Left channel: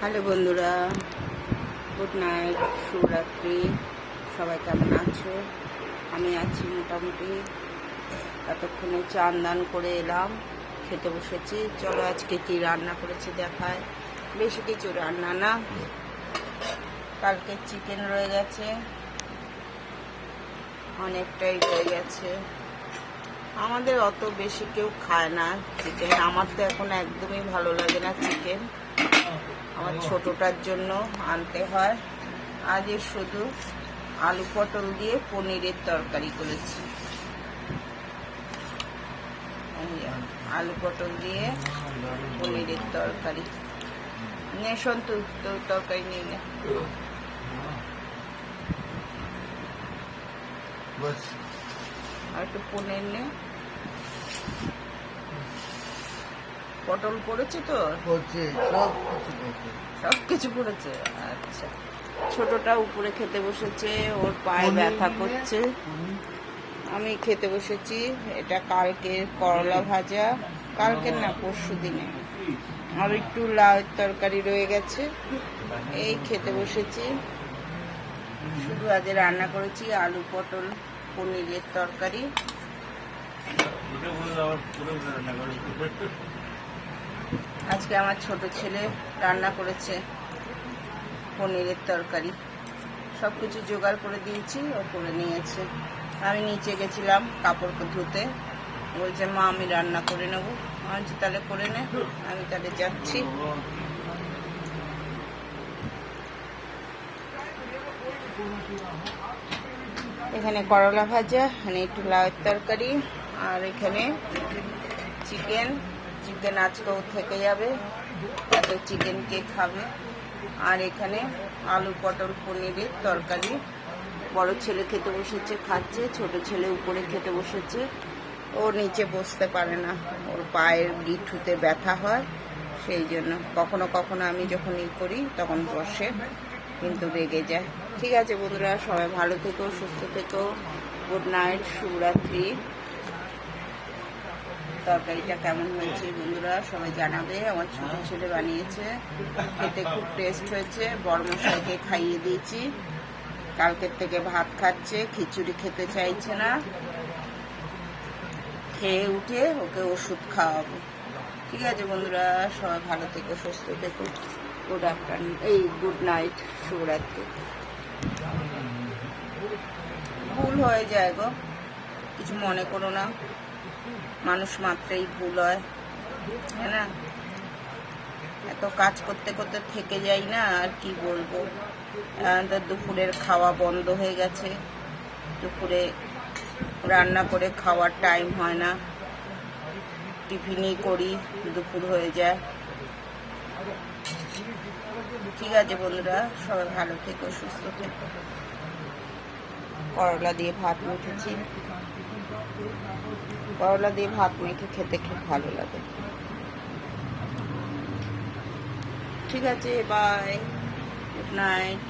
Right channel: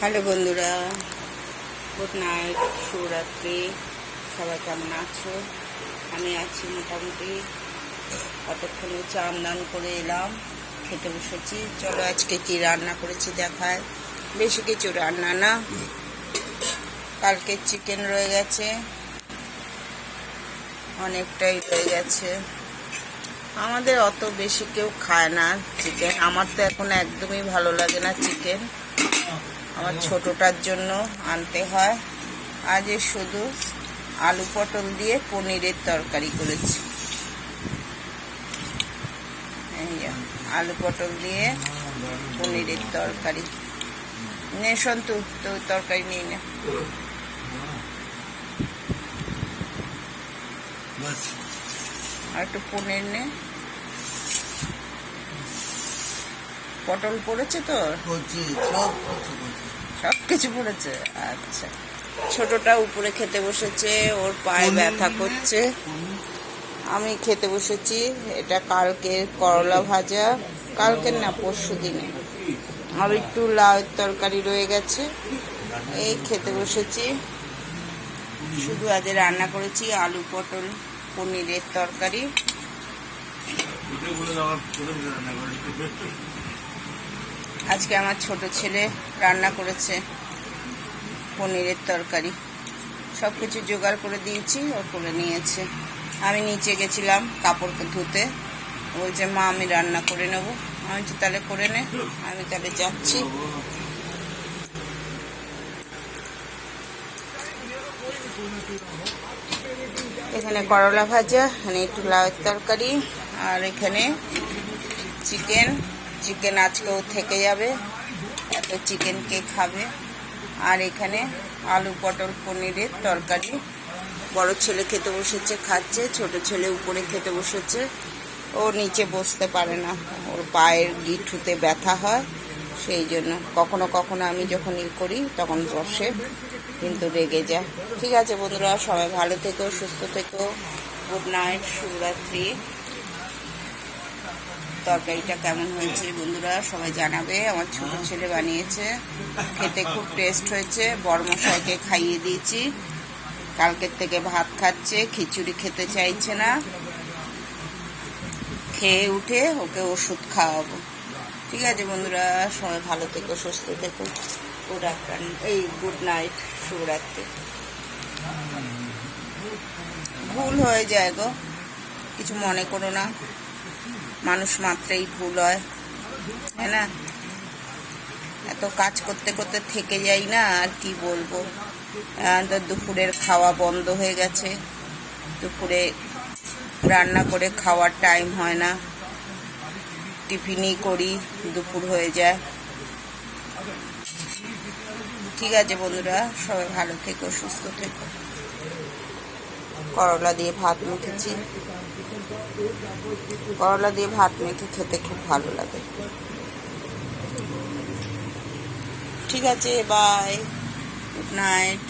Hello বন্ধুরা, good night, শুভরাত্রি। সবাই কেমন আছো? আমি আছি মোটামুটি। এতক্ষণে চান দান করে এলাম, খেতে বসেছি। চলো আজকে কি রান্না করেছি দেখায়। বেশি কিছু রান্না না, কালকে চিকেন রয়ে গেছে, অনেকটাই রয়ে গেছে। আমাদের অত বেশি কেউ খায় না চিকেন। আমার তো এখন একদমই ভালো লাগে না চিকেন। আমার ছোটটার জন্য আনতে হয়। আজ শুধু আলু পটল দিয়ে পনিরের তরকারি করেছি। আলু পটল দিয়ে পনিরের তরকারি। নে সন্তু, তো তরকারি নিয়ে নে। আর একটু পনির নে। পটল পড়েছে তো, সব কিছু পড়েছে। আচ্ছা, ছোটটা উপরে খেতে বসেছে, ওর পায়ে ব্যথা করছে। আমি খেতে বসেছি। এটা কালকের করলা ভাজা, কালকের না পরশু দিনে। আর একটু লাউয়ের তরকারি রয়ে গেছে, এই খেতে বসেছি। শুধু আজ রান্না করেছি আলু পটল পনিরের তরকারি। আজকে আমার ছোট ছেলে রান্না করেছে পনিরের তরকারি। সব কিছু জোগাড় করে দিয়েছি, ও করে নিয়েছে। আমি নিচে গেছিলাম কাপড় ধুতে। বলছে মা আমি রান্না করে নেবো। আমি বলছি তাহলে করে নে। আমি তাহলে যাচ্ছি। এখানে করলা ভাজা, এখানে একটু লাউয়ের তরকারি, আর এখানে চিকেন আজকেও থেকে যাবে, তো চিকেন কে খাবে। আর এখানে আলু পটল পনিরের তরকারি। বড় ছেলে খেতে বসেছে, খাচ্ছে। ছোট ছেলে উপরে খেতে বসেছে। ও নিচে বসতে পারে না, ওর পায়ের গিঁঠুতে ব্যথা হয়, সেই জন্য কখনো কখনো আমি যখন করি তখন বসে, কিন্তু রেগে যায়। ঠিক আছে বন্ধুরা, সবাই ভালো থেকো, সুস্থ থেকো। গুড নাইট, শুভরাত্রি। তরকারিটা কেমন হয়েছে বন্ধুরা সবাই জানাবে। আমার ছোট ছেলে বানিয়েছে, খেতে খুব টেস্ট হয়েছে। বড়মশাইকে খাইয়ে দিয়েছি, কালকের থেকে ভাত খাচ্ছে, খিচুড়ি খেতে চাইছে না। খেয়ে উঠে ওকে ওষুধ খাওয়াবো। ঠিক আছে বন্ধুরা, সবাই ভালো থেকো, সুস্থ থেকো। গুড আফটারনুন, গুড নাইট, শুভরাত্রি। ভুল হয়ে যায় গো, কিছু মনে করো না। মানুষ মাত্রেই ভুল হয়, তাই না? এত কাজ করতে করতে থেকে যাই না, আর কি বলবো। তো দুপুরের খাওয়া বন্ধ হয়ে গেছে। দুপুরে রান্না করে খাওয়ার টাইম হয় না, টিফিনই করি, দুপুর হয়ে যায়। ঠিক আছে বন্ধুরা, সবাই ভালো থেকো, সুস্থ থেকো। করলা দিয়ে ভাত মেখেছি, করলা দিয়ে ভাত মেখে খেতে খুব ভালো লাগে। ঠিক আছে, বাই, গুড নাইট।